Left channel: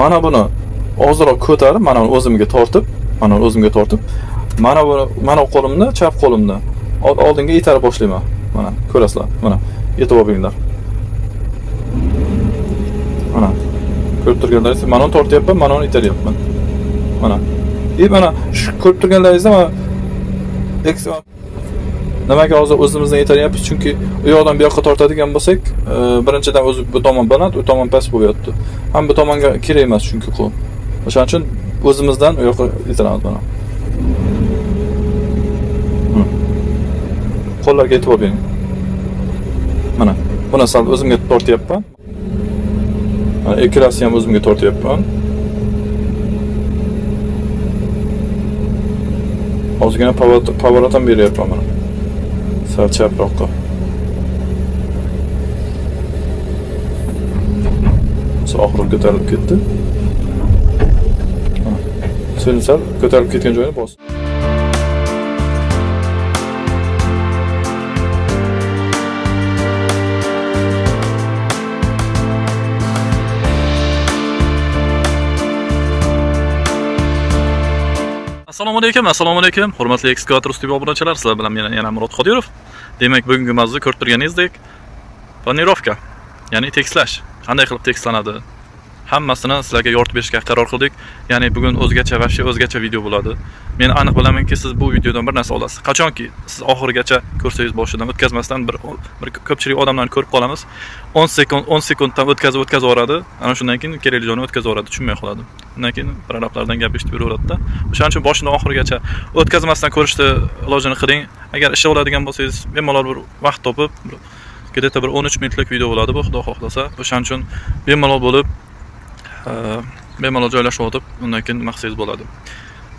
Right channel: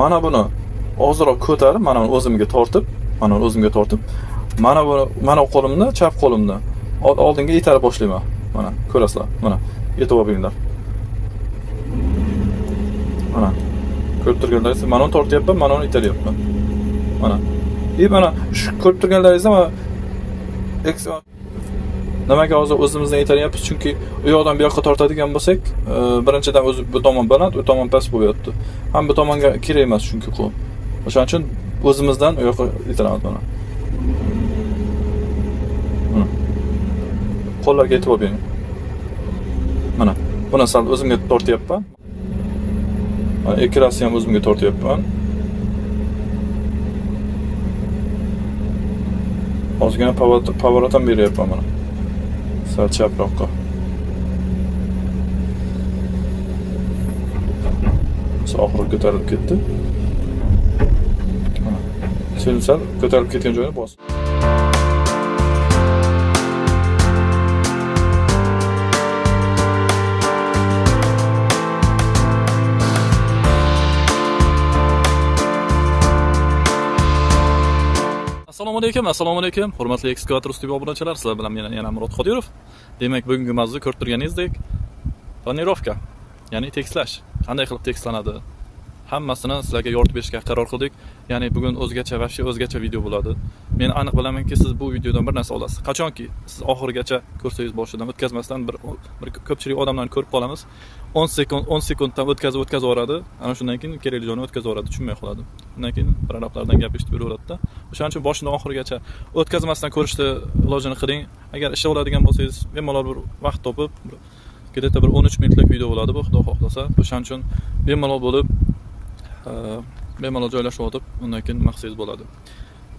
Mana buni ozroq ko'tarib, mana o'zimga tortib, mana qo'limni, chap qo'limni oldinga itarib boshlayman. Mana ko'rasizlar. Mana yetib olinglar. Mana ko'rib turganlaringiz, mana tortyapman, mana itaryapman. Mana. Mana shu ko'rib turganlaringizda mana nimaga hozir o'zimizdan yetaryapmiz? Chunki u yoqdan bu yoqqa tortadigan bo'lsak, birinchidan o'zi bu tomon baland, u tomon past bo'lyapti. Ham bu tomonga kerak emas chunki qo'l. O'shaning uchun o'zimizdan u yoqqa yetiramiz mana. Qo'llarga yetib oling. Mana buni sal o'zimga tortyapman. Mana ikkalasi ham o'zimga tortyapman. Ozgina pоворot ham beryapman mana. Sal chaproqqa. Oxiri ko'tarilib ketdi. Sen sal ko'tarilib ketgan joyini bos. Assalomu alaykum, hurmatli ekskavator ustiga obunachilar, sizlar bilan men yana Murod Qodirov. Demak, bugungi mavzu ko'rib turganingizdek, planirovka, ya'ni tekslash. Qanday qilib tekslanadi? Hammasini sizlarga yoritib berishga qaror qildik. Ya'ni bugun o'zgacha video bo'ladi. Men aniq bilamanki, siz bu videodan bir narsa olasiz. Qachonki siz oxirigacha ko'rsangiz, boshidan o'tkazmasdan bir ko'pchilik odamlarni ko'rib qolamiz. 10 sekunddan o'tkazib yuboradi. Ana shundan keyin kerakli joyni o'tkazib yuboradi, tushunmay qoladi. Undan keyin bir arablardan gap eshitib yuraveradi-da. O'shaning uchun boshidan oxirigacha o'tkazmasdan ko'rishni ilojini qiling. Agar ish oladigan bo'lsangiz, bemalol bir vaqt topib, где-то bir 13 minutlik video bo'ladi bu, xudo xohlasa. O'shaning uchun bemalol bo'lib bemalol joylashib o'tib, undan keyin maqsadingiz bo'ladi.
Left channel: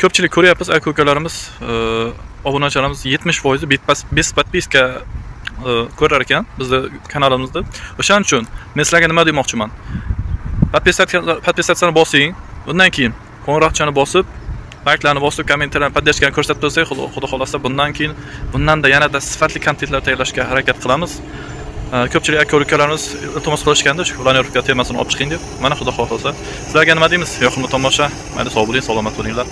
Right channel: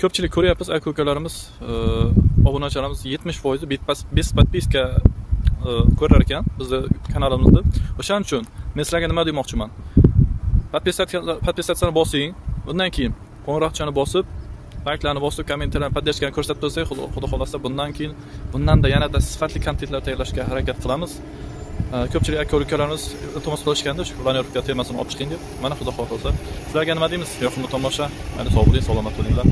Ko'pchilik ko'ryapmiz, aka-ukalarimiz, obunachilarimiz 70% подписка ko'rar ekan bizning kanalimizda. O'shaning uchun men sizlarga nima demoqchiman? Podpisatsiyani bosing, undan keyin qo'ng'iroqchani bosib, layklarni bosib, kommentarlarni podдержкani ko'rsatib tursak, xudo xolasa bundan keyin bundanda yanada sifatli kontentlar tayyorlashga harakat qilamiz. Ko'pchilik aka-ukalarimiz iltimos qilishganda shu planirovka temasini olib chiqing deb. Mana xudo xolasa sizlarga nima deymiz? Yoqimli tomosha. Mayli, sog' bo'ling, salomat bo'linglar.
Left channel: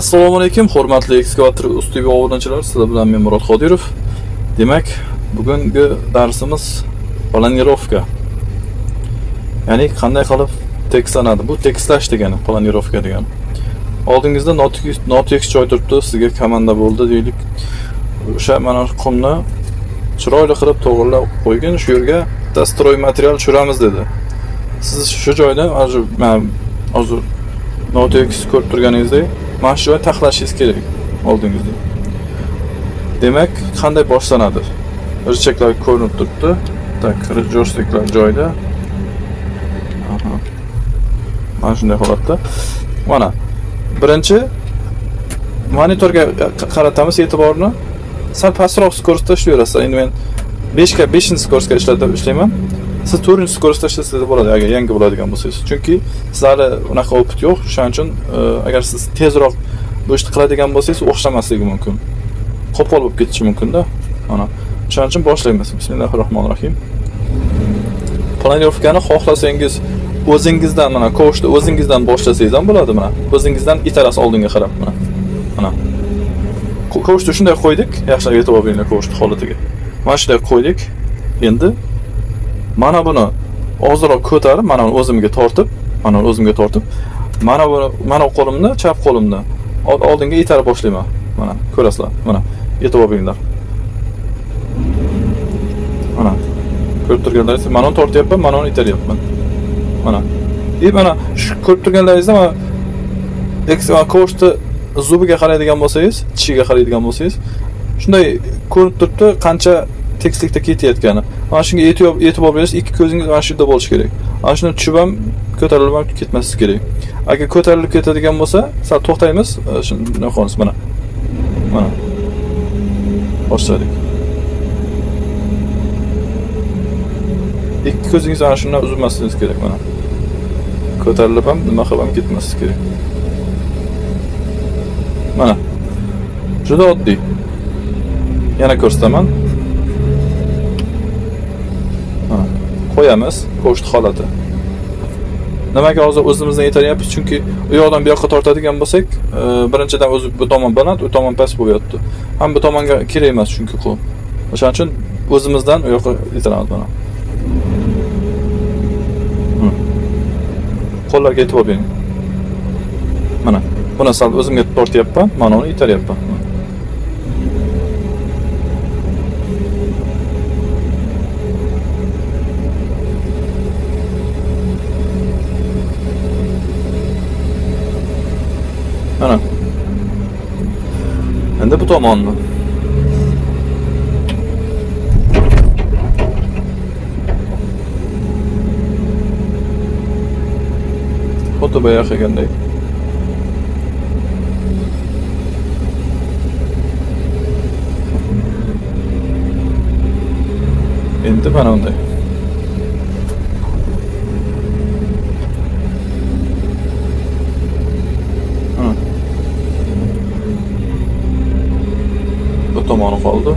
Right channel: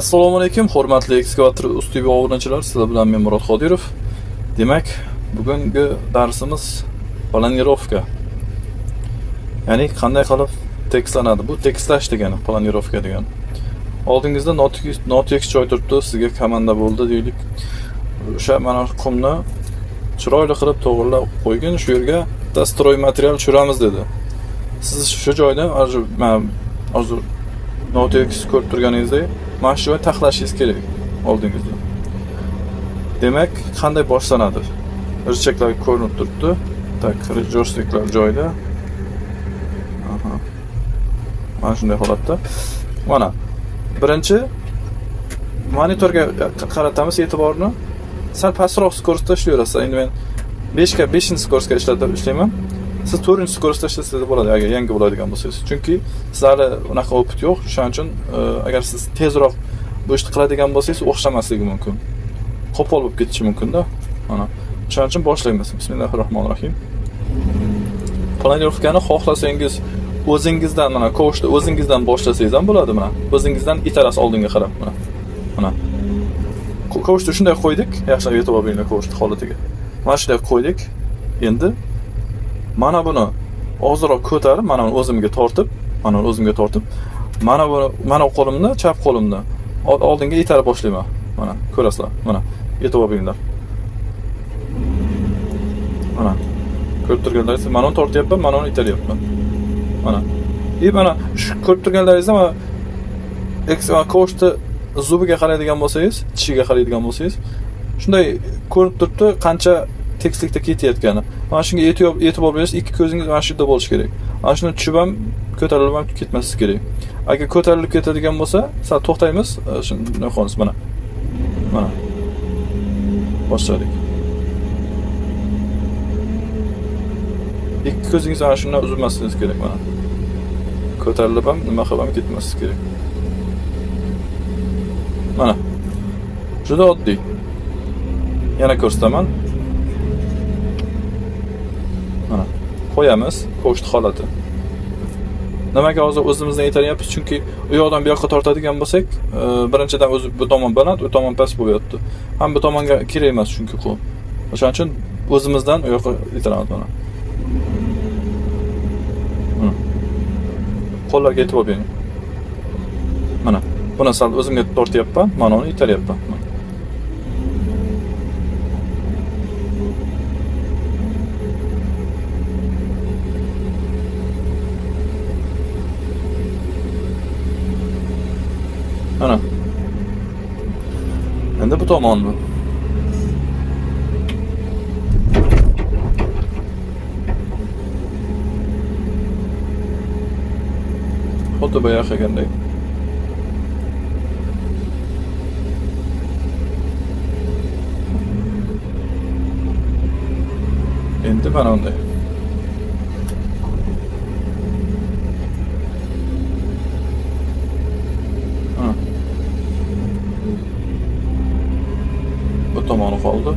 Assalomu alaykum, hurmatli ekskavator ustiga obunachilar, sizlar bilan men Murod Qodirov. Demak, bugungi darsimiz planirovka. Ya'ni qanday qilib tekslanadi? Bu tekslash degani, planirovka degani. Oldingizda notekis joy turibdi, sizga komanda bo'ldi deylik. O'sha mana qumni chiroyli qilib to'g'rilab qo'ygan, shu yerga dastroy material tushiramiz dedi. Siz shu joyda hozir notekis ko'rib turganingizdek mana shu joyni taxlashingiz kerak oldingizda. Demak, qanday boshlanadi? Richaklar ko'rinib turibdi. Tak, joysticklar joyida. Aha. Mana shunday holatda. Mana birinchi monitorga qaratamiz e'tiborni. Sal pastroq skorsda ishlayverasiz. Endi men 5-skorsga ishlayman. Siz 4-skorsda ishlasangiz bo'ladi, agar yangi bo'ladigan bo'lsangiz. Chunki sizlarda unaqa opit yo'q. Shuning uchun agar siz tezroq bu ishni qiladigan bo'lsangiz, o'xshamasligi mumkin. Qo'pol bo'lib ketishi mumkin-da. Mana shuning uchun boshlaymiz. Bismillahirrohmanirrohim. Planirovkani xohlasangiz o'zingizdan, mana ko'shni o'zingizdan boshlasangiz ham bo'ladi. Mana o'zingizdan itarasiz oldinga qarab. Mana ko'shni shunday qo'ydik, yaxshilab yetib olinglar ko'shni holatiga. Mana shunday qo'ydik. Endi mana buni ozroq ko'tarib, mana o'zimga tortib, mana qo'limni, chap qo'limni oldinga itarib boshlayman. Mana ko'rasizlar. Mana yetib olinglar. Mana ko'rib turganlaringiz, mana tortyapman, mana itaryapman. Mana. Mana shu ko'rib turganlaringizda mana ko'shni zubiga qaraydigan bo'lsangiz, tishiga qaraydigan bo'lsangiz, shunday ko'rinib turibdi, qancha tekislikda ketayotgani. Mana shunga e'tibor berish, ikki ko'zingiz mana shu yerda bo'lishi kerak. Mana shuni tushib ham, ko'tarilib ham ketmaslik kerak. Agar ko'tarilib ketadigan bo'lsa, sal to'xtaymiz, shuni qo'yamiz mana. Mana. Boshladik. ikki ko'zingiz ana shundan uzilmasligingiz kerak mana. Ko'tarilib ham nima qilib ham ketmasligi kerak. Mana. Juda oddiy. Yana ko'rsataman. Mana. Qo'yamiz ko'shti holati. Nimaga hozir o'zimizdan yetaryapmiz? Chunki u yoqdan bu yoqqa tortadigan bo'lsak, birinchidan o'zi bu tomon baland, u tomon past bo'lyapti. Ham bu tomonga kerak emas chunki qo'l. O'shaning uchun o'zimizdan u yoqqa yetiramiz mana. Qo'llarga e'tibor bering. Mana, buni sal o'zimga tortyapman, mana uni yetaryapman. Mana. Endi bu tomonni. Xuddi boya qilgandek. Endi mana bunday. Bu tomoni qoldi.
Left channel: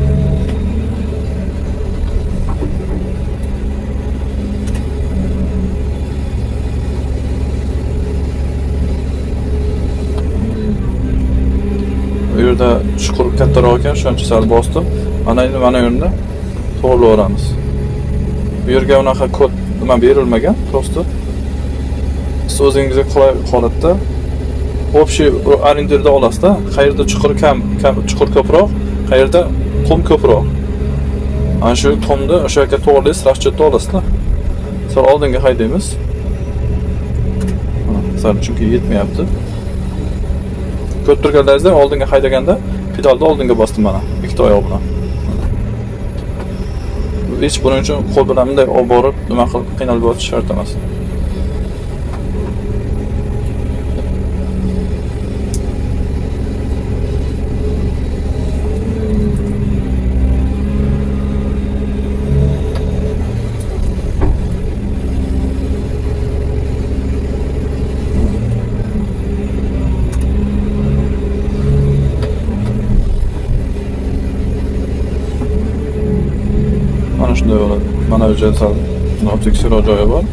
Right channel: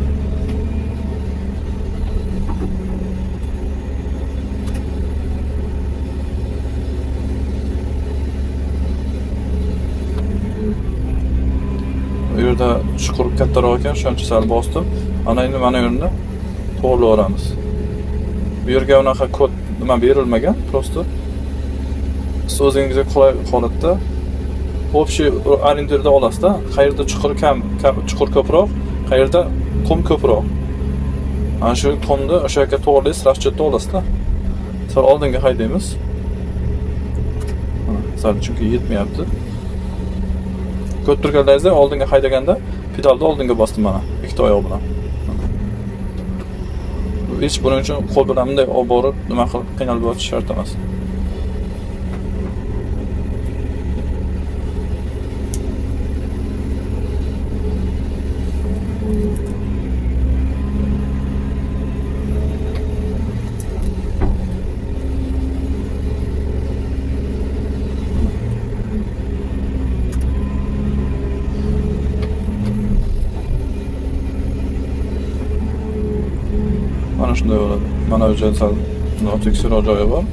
Bu yerda chuqur kattaroq ekan, shuncha sal bosdim. Mana endi mana yerda to'g'rilayveramiz. Bu yerga unaqa kod nima berilmagan, prosta siz o'zingizga qulay holatda общий arenderda olasizda, qayerda chuqur chuqur ko'proq, qayerda qum ko'proq. Ana shu qumni o'sha yerga to'g'rilaysiz, raschetda olasizda. Sal oldinga haydaymiz. Sal chunki yetmayapti. Ko'p turganlaringizda oldinga haydaganda pedalni oldinga bosdim mana, ikkita oyoq bilan. Hech buning uchun qo'l bilan bunday olib borib, nima qilib qiynalib o'tish shart emas. Mana shunday bo'ladi. Mana bu joyda noteksroq joyi bor.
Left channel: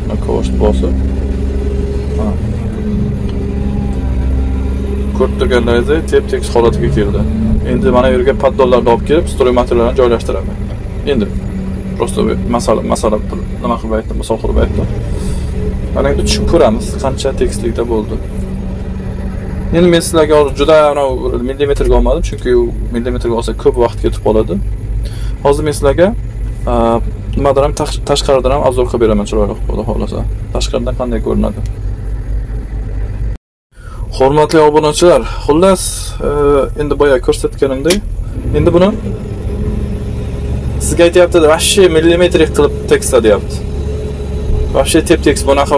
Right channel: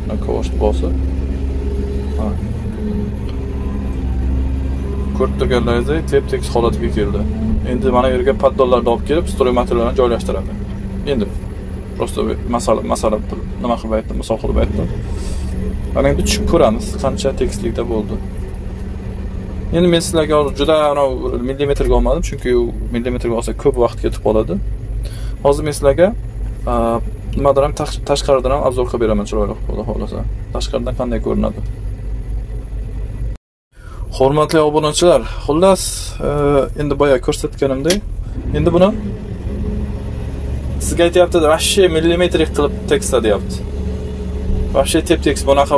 Shuna ko'shti bosib. Ko'rib turganlaringizdek tep-tekis holatiga keldi. Endi mana bu yerga paddollarni olib kelib, stroy materiallarni joylashtiraman. Endi prosta masala nima qilib aytdim, misol qilib aytdim. Mana endi tushib ko'ramiz, qancha tekislikda bo'ldi. Endi men sizlarga juda millimetrga olmadim, chunki millimetrga olsa ko'p vaqt ketib qoladi. Hozir men sizlarga nimadan ham tashqaridan ham obzor qilib beraman, chiroyli xudo xolasa. Tashqaridan qanday ko'rinadi. Hurmatli obunachilar, xullas endi boya ko'rsatganimdek, endi buni sizga aytayapti, vashshi millimetrik qilib tekisla deyapti. Vashshi tep-tekis bunaqa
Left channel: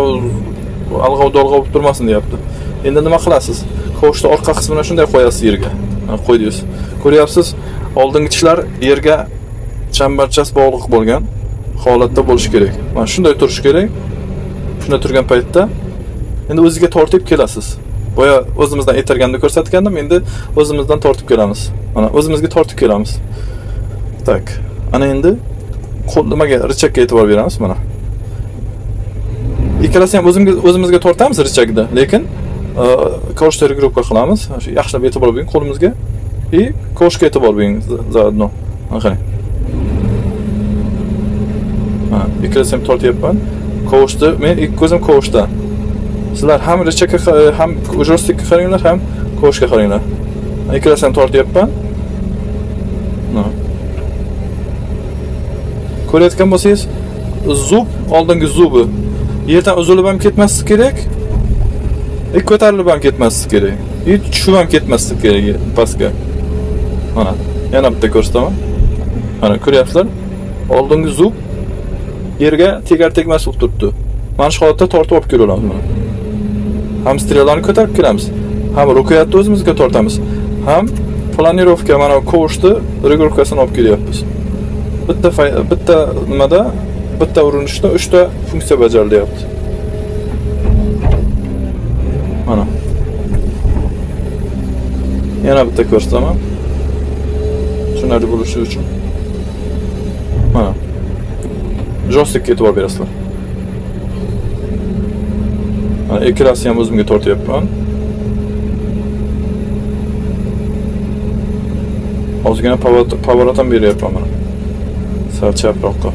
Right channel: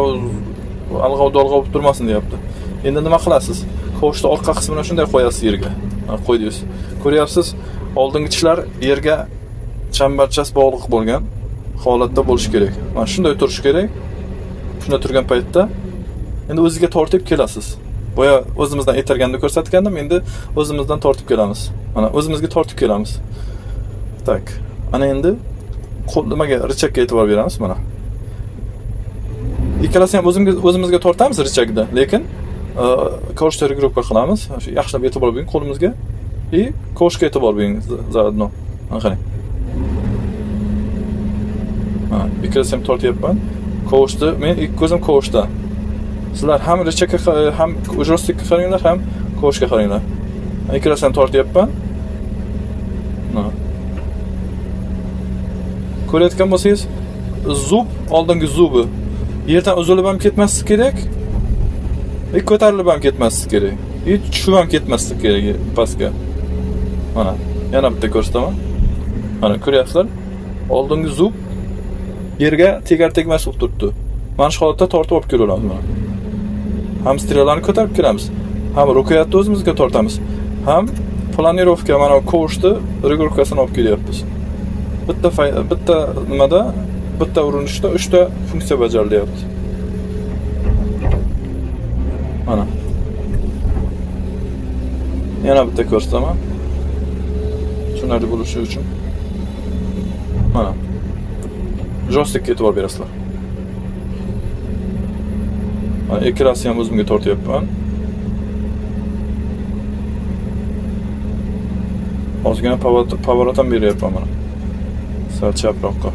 alg'ov-dolg'ov bo'lib turmasin deyapti. Endi nima qilasiz? Qo'shni orqa qismini shunday qo'yasiz yerga. Qo'ydingiz. Ko'ryapsiz, oldingi tishlar yerga chambarchas bog'liq bo'lgan holatda bo'lishi kerak. Mana shunday turishi kerak. Shunday turgan paytda endi o'ziga tortib kelasiz. Boya o'zimizdan etarganda ko'rsatgandim, endi o'zimizdan tortib kelamiz. Mana o'zimizga tortib kelamiz. Tak. Ana endi nimaga richakka e'tibor beramiz mana. Ikkalasi ham o'zimizga tortamiz richakda, lekin koshga regrupa qilamiz. Yaxshilab e'tibor bering qo'limizga va koshga e'tibor bering zaodno. Qarang. Mana ikkalasi ham tortyapman. Koshda, men ikki ko'zim koshda. Sizlar ham richakka ham joystikka qaranglar, ham koshga qaranglar. Ikkalasini tortyapman. Ko'rayotgan bo'lsangiz, zub oldingi zubi yerdan uzilib ham ketmasligi kerak. Ko'tarilib ham ketmasligi kerak. Tushib ham ketmasligi kerak pastga. Mana, yana bitta ko'rsataman. Mana ko'ryapsizlar? Oldingi zub yerga tegar-tegmas bo'lib turibdi. Mana shu holatda tortib olib kelamiz mana. Ham strellarni ko'tarib kelamiz, ham rukiyatni o'zimizga tortamiz, ham planirovka mana ko'shni regurkasini olib kelyapmiz. Bitta nimada bitta urinishda 3 ta funksiya bajarilyapti. Mana. Yana bitta ko'rsataman. Tushunarli bo'lishi uchun. Mana. Joystickga e'tibor berasizlar. Mana ekranni ham o'zimga tortyapman. Ozgina pоворot ham beryapman mana. Sal chaproqqa.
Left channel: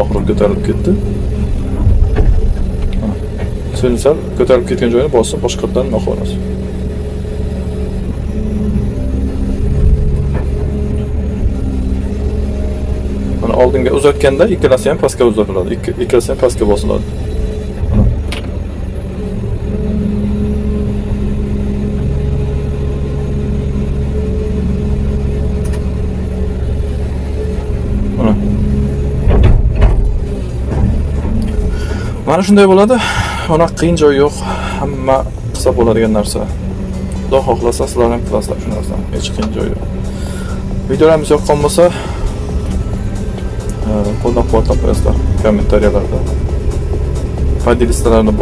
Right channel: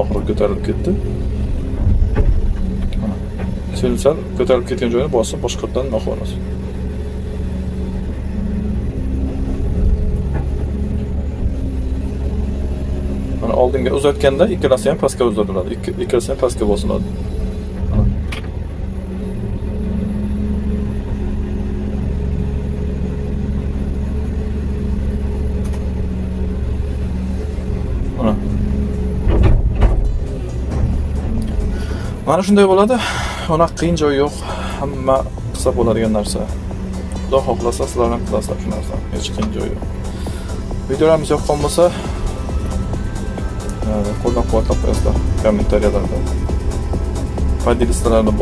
Oxiri ko'tarilib ketdi. Sal ko'tarilib ketgan joyini bosib boshqatdan noqolamiz. Mana oldinga uzatganda ikkalasi ham pastga uzatiladi. Ikkalasi ham pastga bosiladi. Mana shunday bo'ladi. Ona qiyin joyi yo'q. Hamma qilsa bo'ladigan narsa. Xudo xohlasa sizlar ham qilasizlar shu narsani. Hech qiyin joyi yo'q. Videolarimiz yoqqan bo'lsa, qo'llab-quvvatlab qo'yasizlar kommentariyalarda. Podelistalarni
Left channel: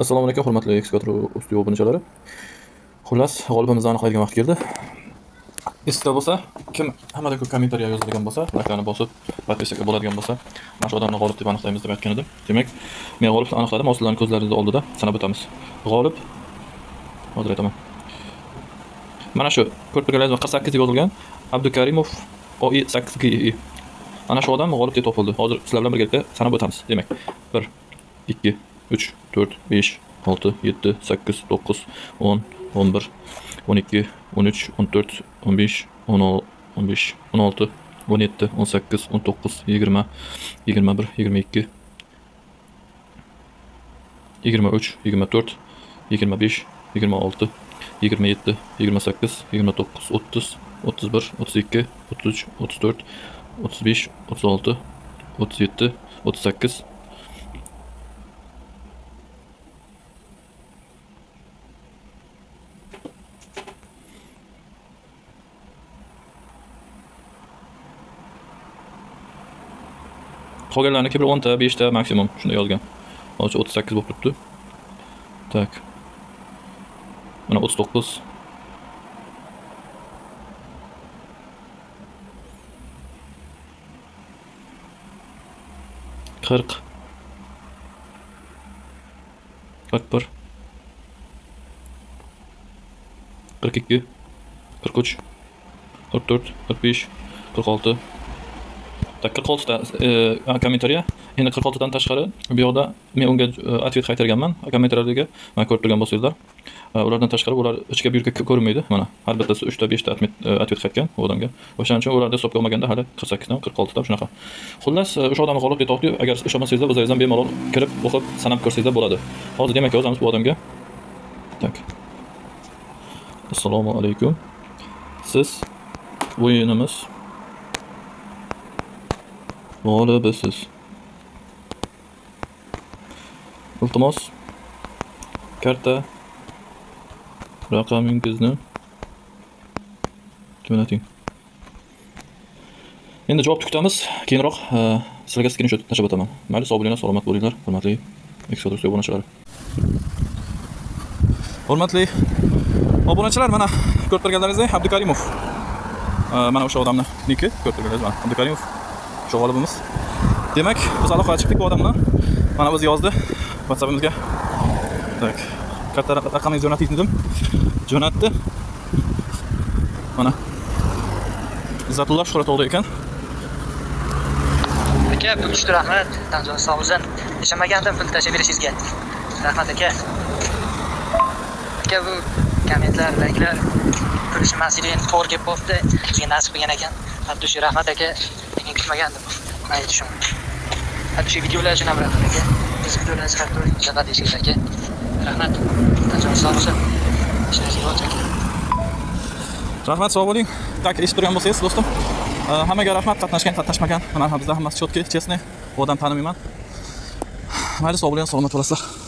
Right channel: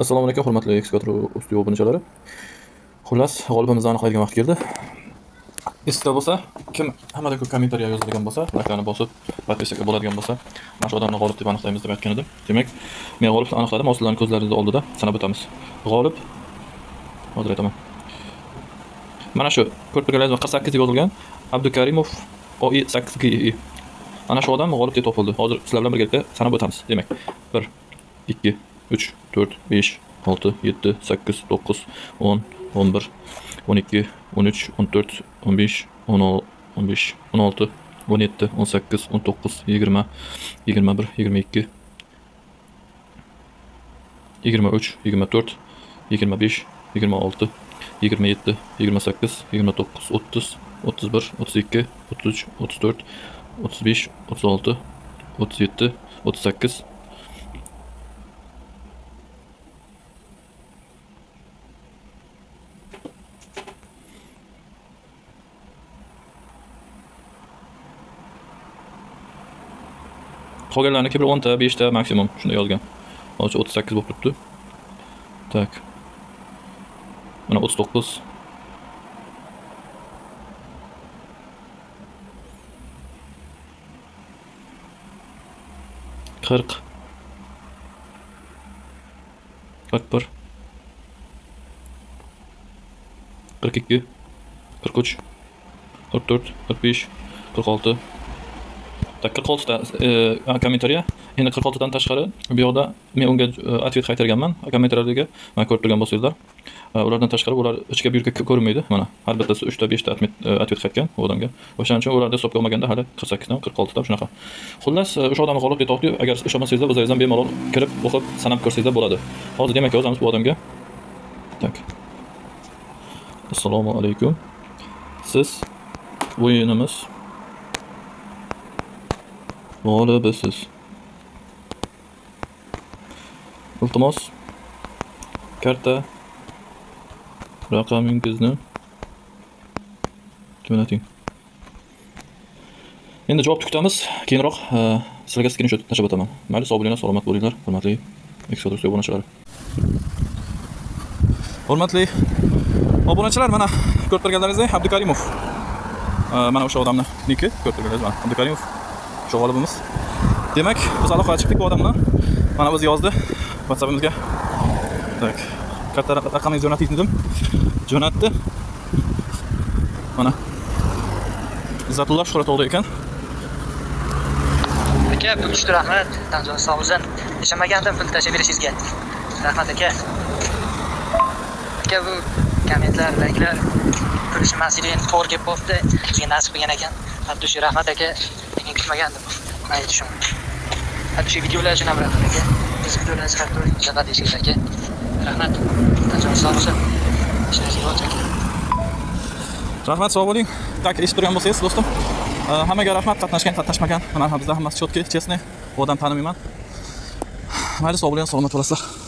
Assalomu alaykum hurmatli ekskavator usti obunachilari. Xullas, g'olibimizni aniqlaydigan vaqt keldi. Esda bo'lsa, kim hammadan ko'p kommentariya yozadigan bo'lsa, like'larni bosib, podpiska bo'ladigan bo'lsa, mana shu odamni g'olib deb aniqlaymiz deb aytgan edim. Demak, men g'olibni aniqladim, sizlarning ko'zlaringiz oldida sanab o'tamiz. G'olib hozir aytaman. Mana shu ko'rtirganlaringiz 48 deb yozilgan Abdukarimov OI8GI. Ana shu odam g'olib deb topildi. Hozir sizlar bilan birgalikda sanab o'tamiz. Demak, 1 2 3 4 5 6 7 8 9 10 11 12 13 14 15 15 16 17 18 19 20 21 22 23 24 25 26 27 28 29 30 31 32 33 34 35 36 37 38 qolganlarniki bir 10 ta, 5 ta maksimum shunday yozgan. Hozir 38 bo'lib turibdi. Tak. Mana 39 40 41 42 43 44 45 46 Tak 46 ta kommentariya. Endi 46 dan tashqari bu yoqda men unga atvet qaytarganman. Kommentariyalarga mana ko'rib turgan bo'lsangizlar, ulardan tashqari ular ichga buyurga ko'rinmaydi. Mana har bittasi 3 ta 5 ta atvet qaytgan u odamga. O'shaning uchun ularda hisobga olmaganda hali 48 dan 46 ta shunaqa. Xullas, o'sha odamni g'olib deb topdik. Agar ishonmasangizlar, o'zingizdan bemalol kirib o'qib sanab ko'rsangizlar bo'ladi. Hozir demak yozamiz bu odamga. Tak. Assalomu alaykum. Siz o'yinimiz g'olibisiz. Iltimos karta raqamingizni jo'nating. Endi javob kutamiz. Keyinroq sizlarga screenshot tashlab o'taman. Mayli, sog' bo'linglar, salomat bo'linglar, hurmatli ekskadr obunachilar. Hurmatli obunachilar, mana ko'rib turganlaringizdek Abdukarimov. Mana o'sha odamni niki ko'rib turganlaringiz mana Abdukarimov. Shu g'olibimiz. Demak, biz aloqaga chiqdik bu odam bilan. Mana o'zi yozdi WhatsAppimizga. Tak. Katta raqamingizni jo'nating dedim. Jo'natdi. Mana. Izzatulloh Shuhratovda ekan. Aka, pul tushdi, rahmat. Tanzon sog' bo'lsin. Ishamagandim pul tashib berishingizga. Rahmat aka. Aka, bu kommentlardagilar pul ishmasidin to'g'ri kelib qoldi. Sizga nasib qilgan ekan. Abdushi rahmat aka. Lekin kutmagandim. Mayli tushun. Abdushi videolar uchun ham rahmat aka. Biz videolarni chiqarib turing. Javob deysiz aka. Rahmat. Tanzon sog' bo'lsin. Ishlaringiz bo'lsin aka. Rahmat, sog' bo'ling. Tak, eshitib turgan bo'lsangiz, do'stim. Hammaga rahmat, qatnashmagan. Mana bizda hammasi chotki, chestni. Bu odam tanimayman. Mayli, sog' bo'ling, salomat bo'lasizlar.